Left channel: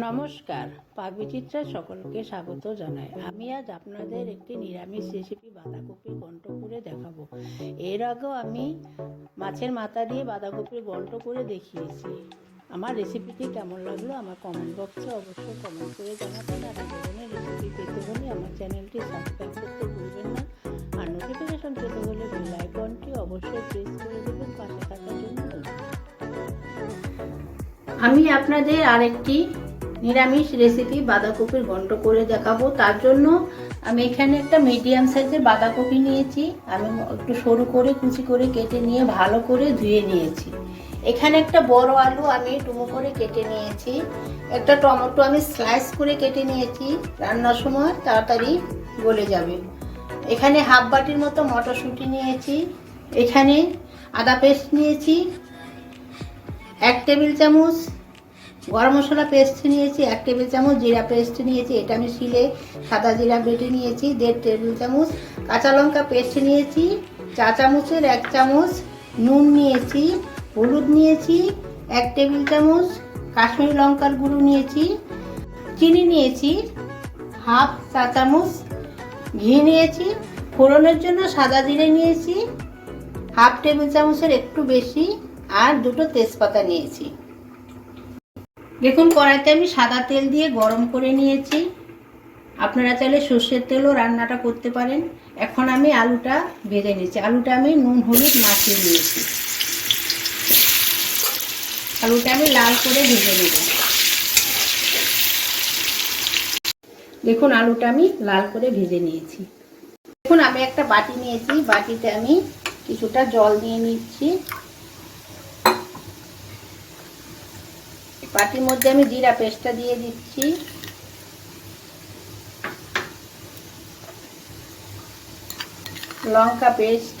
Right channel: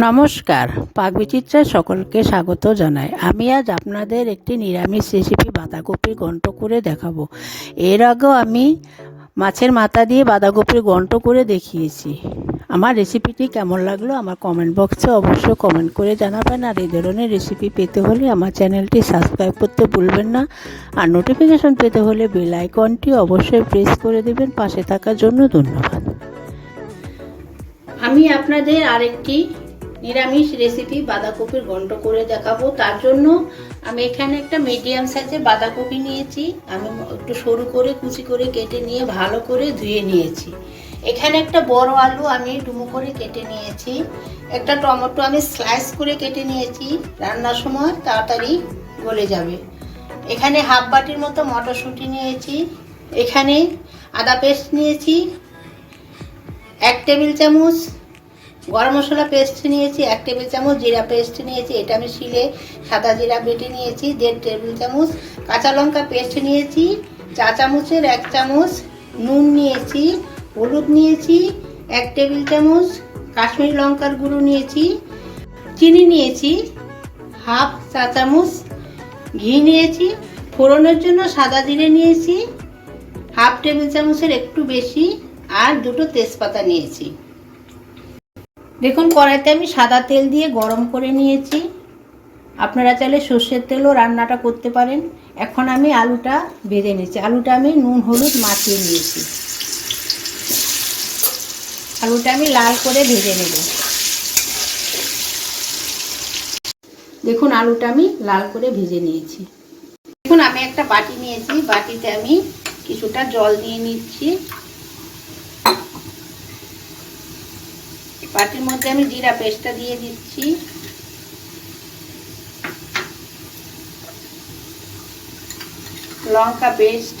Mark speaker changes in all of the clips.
Speaker 1: নমস্কার পাকবিচিত্রায় সকলকে স্বাগত জানাই। আমি আজ আপনাদের একটি নিরামিষ রেসিপি বাঁধাকপির ঘন্ট করে দেখাবো। এর আগেও আমি মাছের মাথা দিয়ে বাঁধাকপির ঘন্ট করে দেখিয়েছি। আমার রেসিপিটি কেমন লাগল আমার কমেন্ট বক্সে অবশ্যই কমেন্ট করে জানাবেন। আর এই ধরনের রেসিপি পেতে হলে আমার চ্যানেলটি সাবস্ক্রাইব করতে ভুলবেন না। আর নোটিফিকেশন পেতে হলে বেল আইকনটি অবশ্যই প্রেস করে দেবেন। পাশে থাকার জন্য ধন্যবাদ। আমি আপনাদের আরেকটি নিরামিষ রেসিপি বাঁধাকপির ঘন্ট করে দেখাবো। তার জন্য আমি এখানে একটা মিডিয়াম সাইজের বাঁধাকপি নিয়েছি। আমি একটু সরু করে, কুচি করে কেটে নিয়ে ভালো করে ধুয়ে নিয়েছি। এখানে একটা বড় আলু আমি ডুমো করে কেটে নিয়েছি। একটা টমেটো আমি স্লাইস করে কেটে নিয়েছি। রান্নার সময় তাড়াতাড়ি গলে যাবে। এখানে হাফ বাটির মতো মটরশুঁটি নিয়েছি। এখানে আদা পেস্ট নিয়েছি। এক টেবিল চামচ গরম মশলা পেস্ট নিয়েছি, এক টেবিল চামচ জিরা পেস্ট নিয়েছি, এটা আমি শিলে সাদা জিরা বেটে নিয়েছি, দেড় টেবিল চামচ কাঁচা লঙ্কা পেস্ট নিয়েছি, চা চামচের এক চামচ নুন নিয়েছি, হলুদ নিয়েছি, এক টেবিল চামচ কাশ্মীরি লঙ্কার গুঁড়ো নিয়েছি, চিনি নিয়েছি, হাফ চা চামচ ঘি নিয়েছি, ফোড়নের জন্য সাদা জিরে নিয়েছি, হাফ টেবিল চামচের একটু বেশি আর দুটো তেজপাতা নিয়েছি। দেখুন, কড়াইতে আমি সাদা তেল দিয়ে গরম করে নিয়েছি। আপনারা চাইলে সর্ষের তেলও রান্নাটা করতে পারেন। এখন আমি আলুটা ভেজে নিয়েছি। আলুটা আমি নুন, হলুদ মাখিয়ে নিয়েছি। আলুটা আমি লাল করে ভেজে নেব। দেখুন, আলুটা আমি লাল করে ভেজে নিয়েছি। দেখুন, আমি একটা বাটি নিয়েছি। বাটিতে আমি কিছুটা জল দিয়ে নিচ্ছি। বাটির মধ্যে আমি জিরা পেস্টটা দিয়ে দিচ্ছি। লঙ্কা পেস্ট,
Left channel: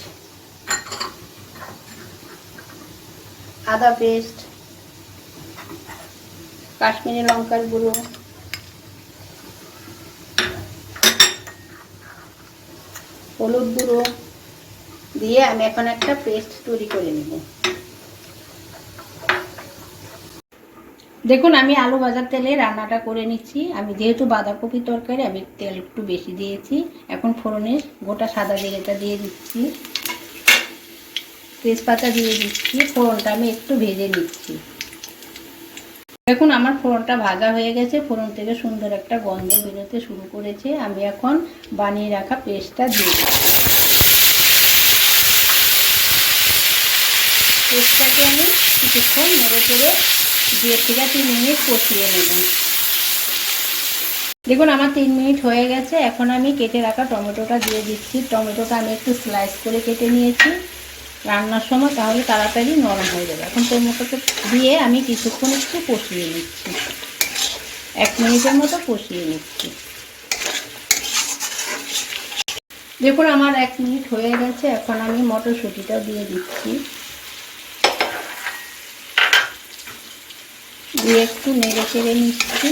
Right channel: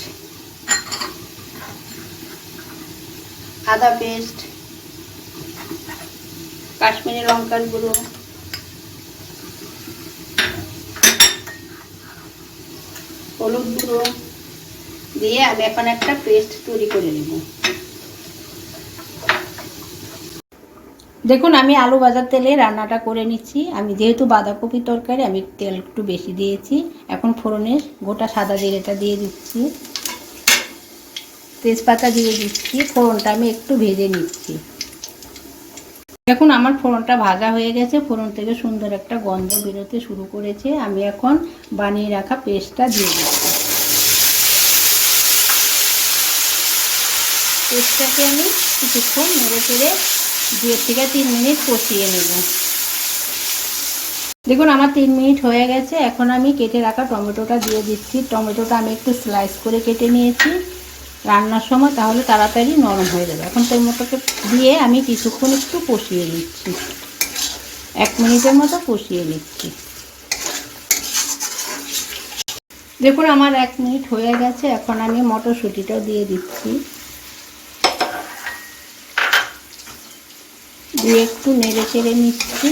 Speaker 1: আদা পেস্ট, কাশ্মীরি লঙ্কার গুঁড়ো, হলুদ গুঁড়ো দিয়ে আমি এখন একটা পেস্ট তৈরি করে নেব। দেখুন, আমি আলু ভাজার তেলে রান্নাটা করে নিচ্ছি। আমি যেহেতু বাঁধাকপি তরকারি, আমি তেল একটু বেশি দিয়েছি। এখন ফোড়নের গোটা সাদা জিরেটা দিয়ে দিচ্ছি। তেজপাতা দিয়ে দিচ্ছি। ফোড়নটা আমি একটু ভেজে নিচ্ছি। দেখুন, আমার ফোড়নটা ভাজা হয়ে গেছে। ফোড়ন থেকে সুন্দর একটা গন্ধ বেরোতে শুরু করেছে। আমি এখন বানিয়ে রাখা পেস্টটা দিয়ে দিচ্ছি। পেস্টটাকে আমি কিছুক্ষণ নেড়ে চেড়ে দুয়ের থেকে তিন মিনিট কষিয়ে নেব। দেখুন, আমার তিন মিনিট হয়ে গেছে। এখন আমি কেটে রাখা টমেটোটা দিয়ে দিচ্ছি। টমেটোটা আমি একটু স্লাইস করে কেটে নিয়েছি। রান্নার সময় তাহলে তাড়াতাড়ি নরম হয়ে যাবে। এখন টমেটোকে দিয়ে আমি কিছুক্ষণ একটু কষিয়ে নিচ্ছি। এক মিনিটের মতো কষিয়ে নিচ্ছি। দেখুন, আমার এক মিনিট হয়ে গেছে। এখন আমি মটরশুঁটিটাও দিয়ে দিচ্ছি। দিয়ে একটু নেড়ে চেড়ে নিচ্ছি।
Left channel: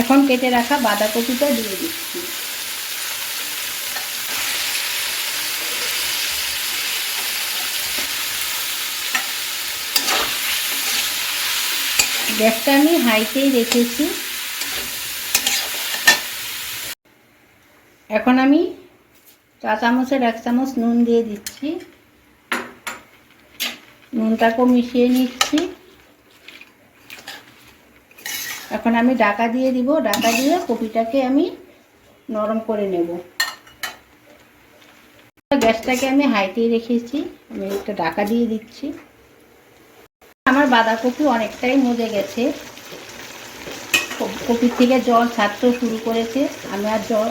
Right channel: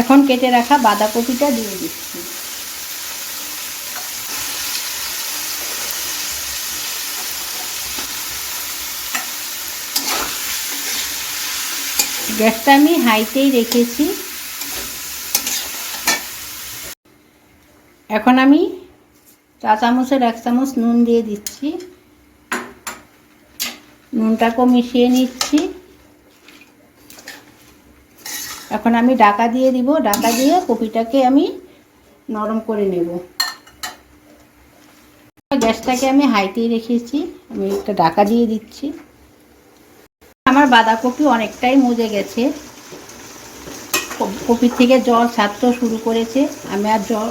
Speaker 1: এখন কেটে রাখা বাঁধাকপিটা দিয়ে দিচ্ছি। গ্যাসটা আমি হাইতেই রেখেছি। এখন আমি চা চামচের এক চামচ নুন দিয়ে দিচ্ছি। নুনটাকেও মিশিয়ে নিচ্ছি। এখন আমি ডাকা দিয়ে দিব। ডাকা দিয়ে কপিটাকে আমি নরম করে নেব। গ্যাসটাকে আমি হাইতেই রেখেছি। আমি একটা ডাকা দিয়ে দিচ্ছি। আমার বাঁধাকপি অনেকটাই মজে গেছে। কপির থেকে জল ছাড়তে শুরু করেছে। আমি আর জল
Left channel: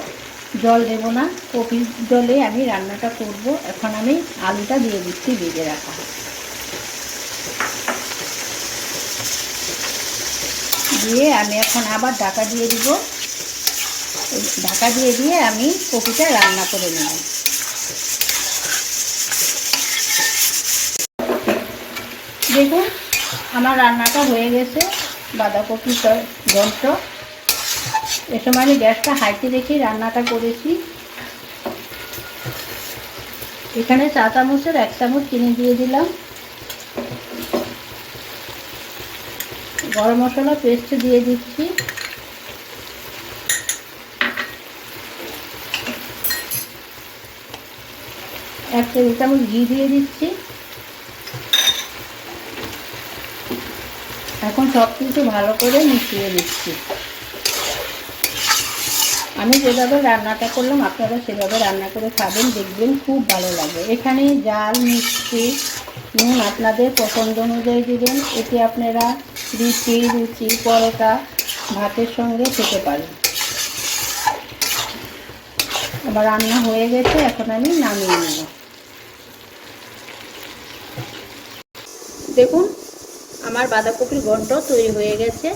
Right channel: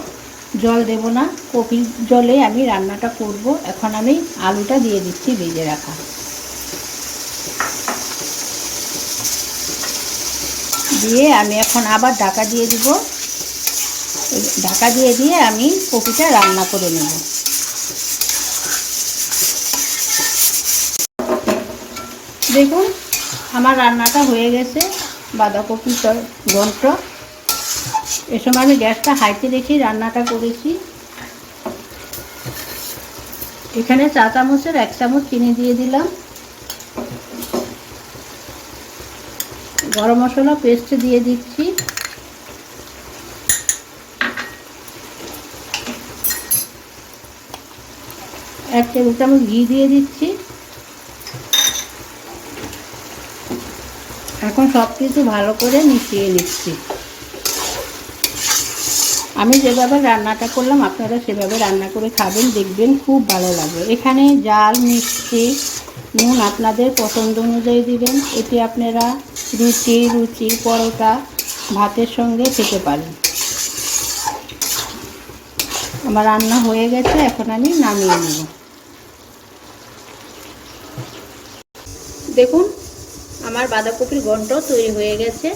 Speaker 1: জল দেব না। কপির জলে আমি রান্নাটা করব। এখন আমি আলুটা দিয়ে দিচ্ছি ভেজে রাখা। দিয়ে আমি এখন আবার ঢাকা দিয়ে দিব। ঢাকা দিয়ে দিয়ে আমি কপিটা রান্না করে নেব। দেখুন, আমার রান্নাটা হয়ে গেছে। বাঁধাকপি ঘন্ট এ সময় আমি গ্যাসটা হাইতে রেখে রান্নাটা করেছি। এখানে চা চামচের এক চামচ চিনি দিয়ে দিলাম। গরম মশলা পেস্ট দিয়ে দিচ্ছি। এক টেবিল চামচ ঘি দিয়ে দিচ্ছি। এখন সব কিছু ভালো করে মিশিয়ে নিচ্ছি। আমি যেভাবে রান্নাটা করলাম, আপনারা সেভাবে রান্না করে খাবেন, দেখবেন খুব ভালো লাগে। এখানে জাল, মিষ্টি, নুন আপনাদের পছন্দ অনুযায়ী দেবেন। এটি আপনারা রুটি রুটি, পরোটা ভাতের সঙ্গে খেতে পারেন। আমার রান্না হয়ে গেছে, এখন আমি নামিয়ে নেব। দেখুন, আমার বাঁধাকপির ঘন্ট তৈরি হয়ে গেছে।